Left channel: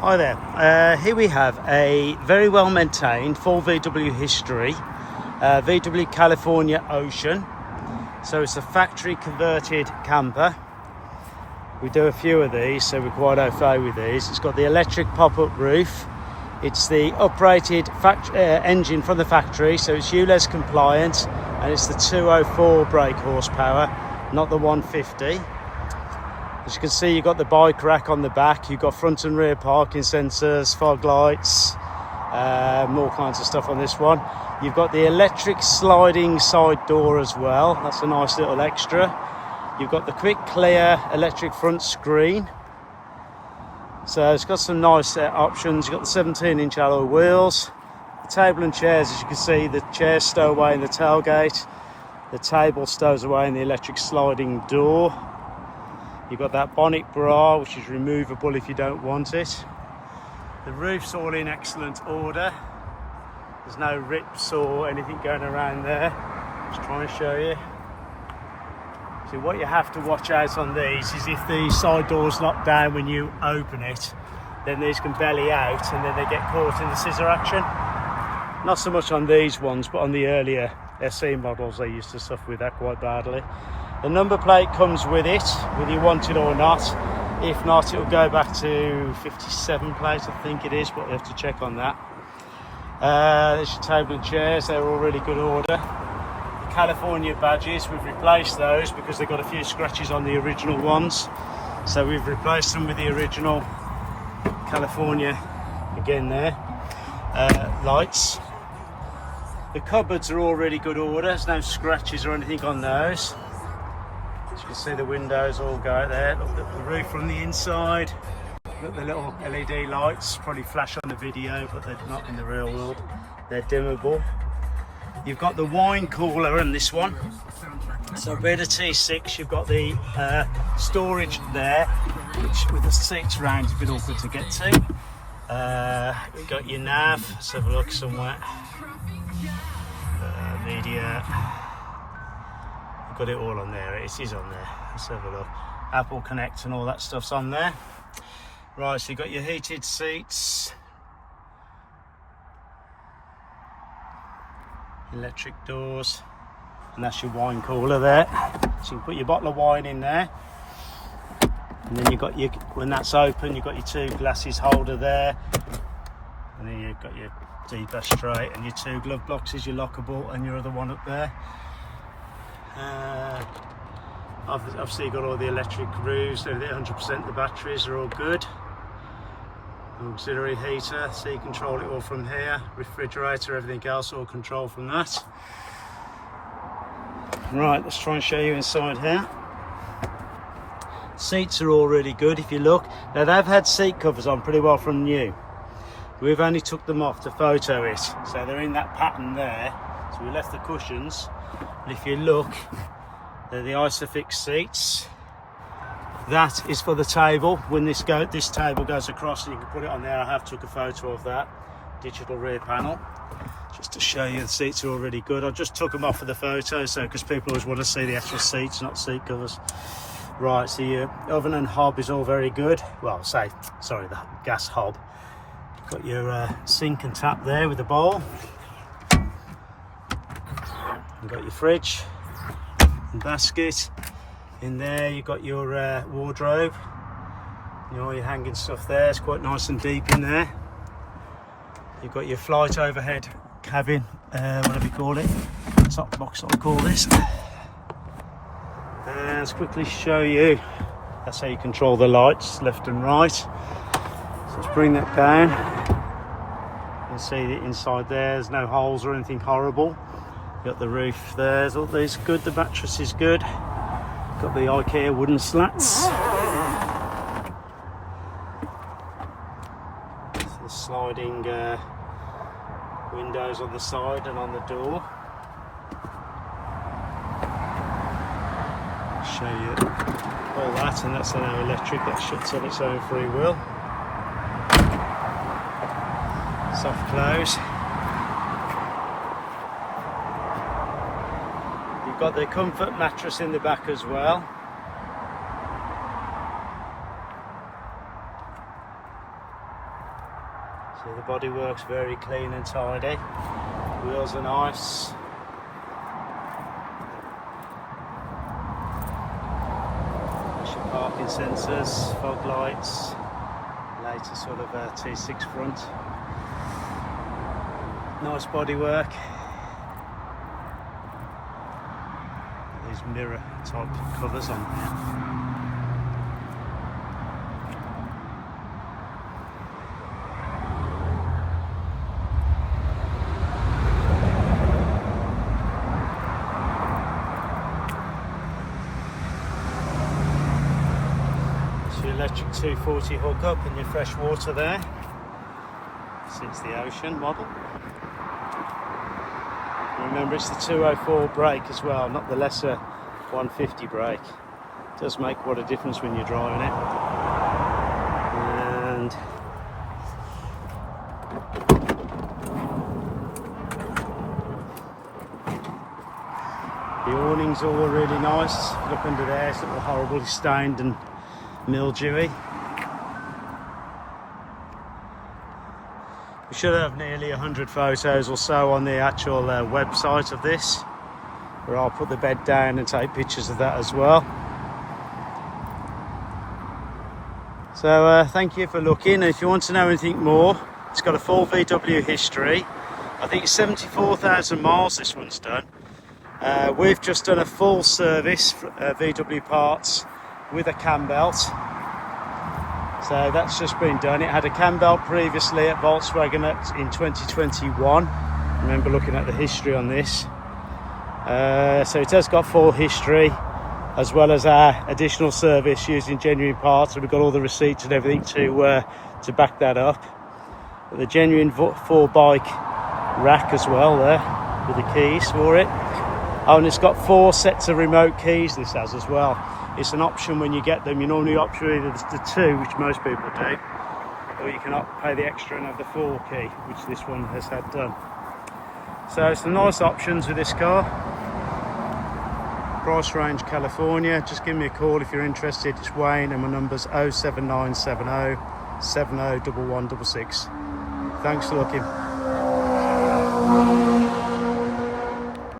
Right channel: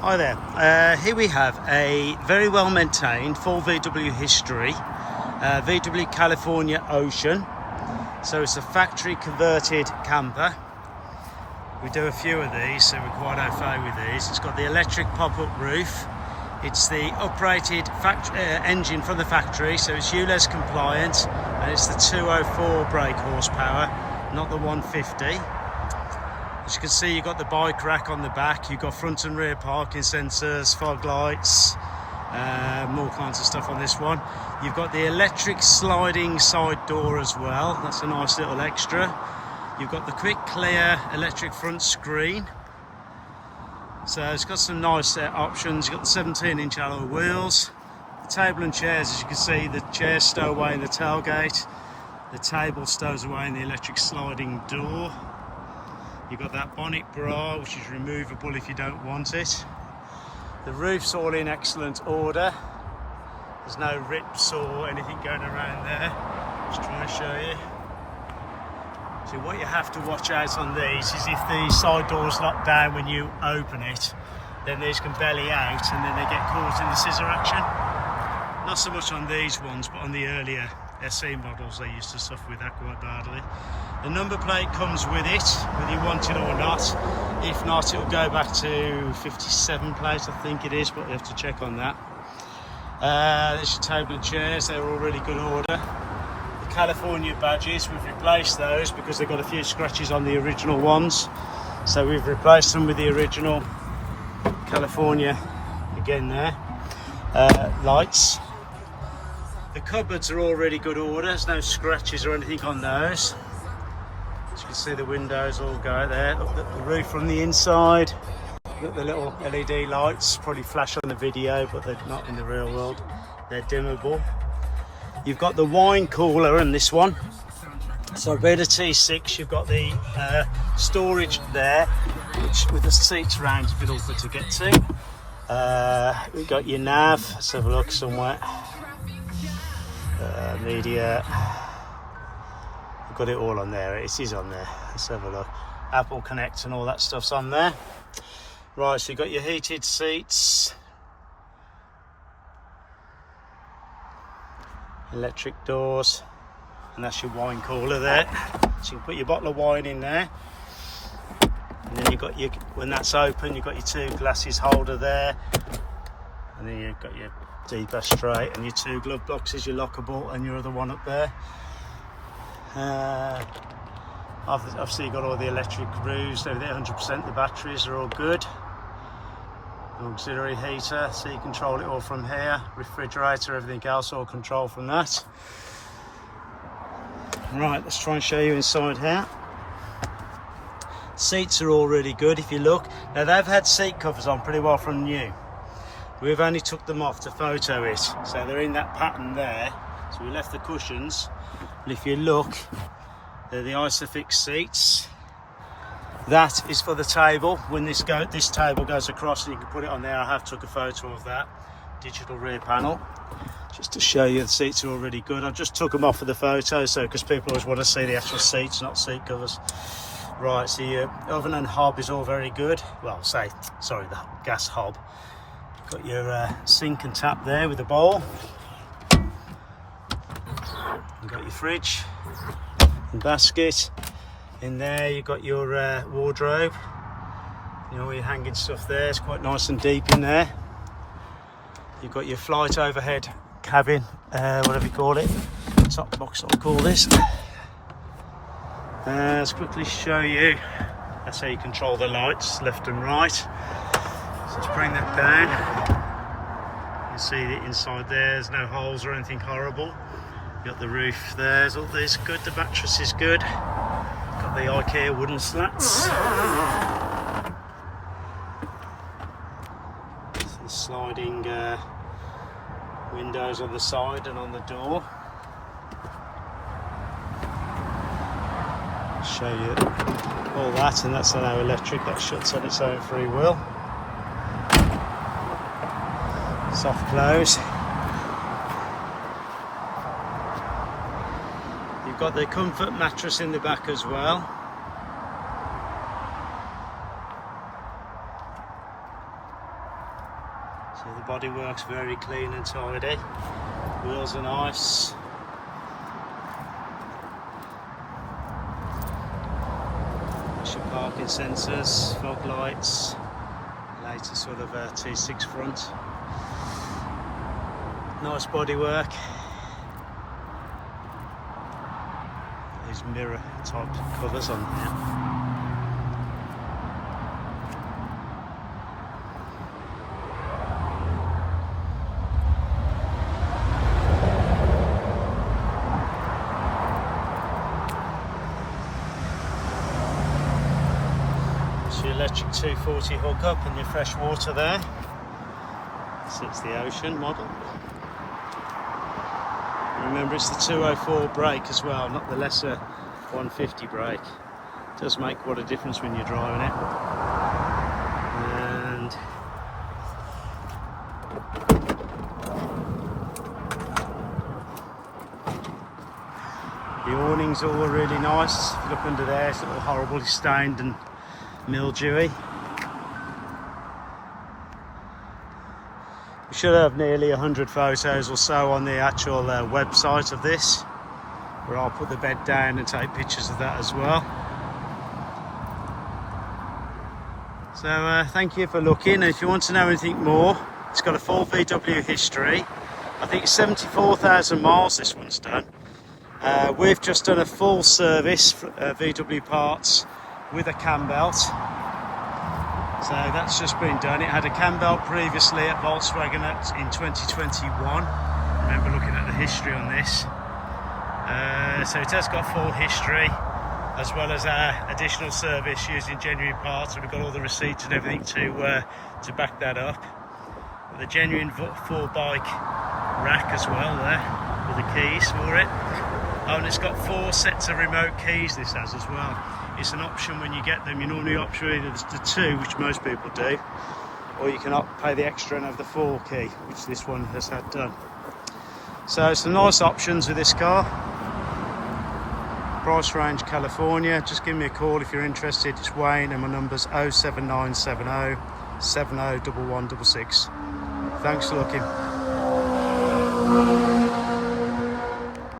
Hi there, here we have a very well maintained full VW history, VW California Ocean. So it's a factory converted camper. We do a few of these, so we're quite au fait with these. It's got the electric pop-up roof. It's the uprated engine from the factory, so it's ULEZ compliant, and it's the 204 brake horsepower, not the 150. As you can see, you've got the bike rack on the back, you've got front and rear parking sensors, fog lights, all kinds of stuff on this one. You've got the electric sliding side door as well, that's a nice little extra. You've got the quick clear electric front screen. So it's got some nice options. You've got the 17-inch alloy wheels. The table and chairs, as you can see, the chairs stow away in the tailgate. The table stows away in the electric sliding door. You've got that bonnet bra, which is removable if you don't want it. The roof's all in excellent order. There's no rips or anything going around there. Just trying to show you. So what you have to watch out on these is if the side door's locked down when you open it, then these can belly out and then they get caught in the scissor action. Not so much on these ones, but on the earlier SE models they used to suffer with that quite badly. The number plate comes with it, whether you want it or not. If not, it'll go back to 57 plate, I think it is, but we have to check on that. There's your table and chairs, they're all really good order. The California badges, we've replaced those because they've got a few scratches on the original ones. So we've replaced them with the original California, again there. Lights. The cupboards are all really good order, there's no scratches or anything on those. As you can see, the windows all go there. Look at the roof from the inside. Look at the little LED lights, probably flash on the video, but they're not in the real world. They're dimmable. You've got the wine cooler in this one. So a bit of T6, you've got the storage there, which with the seats around is a bit awkward to get to. You've got your nav, let's have a look somewhere. Media. Got it all on there, it is on there. Let's have a look. Apple Connect and all that stuff's on there. Right, so you've got your heated seats, electric doors, and that's your wine cooler there. So you can put your bottle of wine in there. And then you've got your, when that's open, you've got your two glasses holder there. And then you've got your deeper straight and your two glove boxes, your lockable, and your other one up there. Obviously you've got all the electric roofs, they're 100%, the batteries are all good. Auxiliary heater, so you control it all from here. Refrigerator, everything else all controlled from that. Right, let's try and show you inside here. Seats are all really good if you look. Now they've had seat covers on pretty well from new. We've only took them off to photo it, so they're in that pattern there. So we left the cushions. And if you look, they're the Isofix seats. That is for the table. When this table goes across, and you can put it on there. I have took a photo of that digital rear panel, just to show you the seats are already good. I just took them off for the photo, so because people always want to see the actual seats, not seat covers. Right, so your oven and hob is all very good. Well, sorry, the gas hob. Got your sink and tap there with the bowl. You've got your fridge and basket. In there you've got your wardrobe. You know, your hanging stuff there. It's quite nice and deep in there. You've got your flight overhead cabin, whatever you call it. Top box, I'll call this. Let's quickly show you. That's how you control the lights, left and right. So let's bring that down. You can see the inside there. There's no holes or anything horrible. Got the roof there, all these good, the mattress is good. Got the IKEA wooden slats. So the sliding windows on the side and on the door. I'll show you all that, and that's now electric, that shuts on its own free will. Soft close. You've got the comfort mattress in the back as well. See, the bodywork's very clean and tidy. Wheels are nice. Your parking sensors, fog lights, later sort of T6 front. Nice bodywork. These mirror type covers on there. Your electric 240 hookup and your fresh water there. So it's the Ocean model. Remember, it's the 204 brake as well, not the lesser 150 brake. It does make what a difference when you're driving it. And the awning's all really nice. If you look under there, it's all horribly stained and mildewy. We should have nearly 100 photos or so on the actual website of this, where I'll put the bed down and take pictures of that as well. So thank you for looking, and if you want to know anything more, it's got a full VW history. I think it's 74,000 miles this one's done. We've just done a full service VW parts with a Cambelt. So that's just been done. It had a Cambelt previously at Volkswagen in 2021. I remember looking at the history on this. So it has got full history, as well as our additional service using genuine parts. And we've got all the receipts and everything to back that up. But the genuine 4-bike rack as well there, with the keys for it. Oh, and it's got 4 sets of remote keys, this has as well. It's an option when you get them. You normally opt for either the 2, which most people do, or you can pay the extra and have the 4 key, which this one has had done. So some nice options with this car. Price range California. Just give me a call if you're interested. It's Wayne, and my number's 07970 701166. Thanks for looking.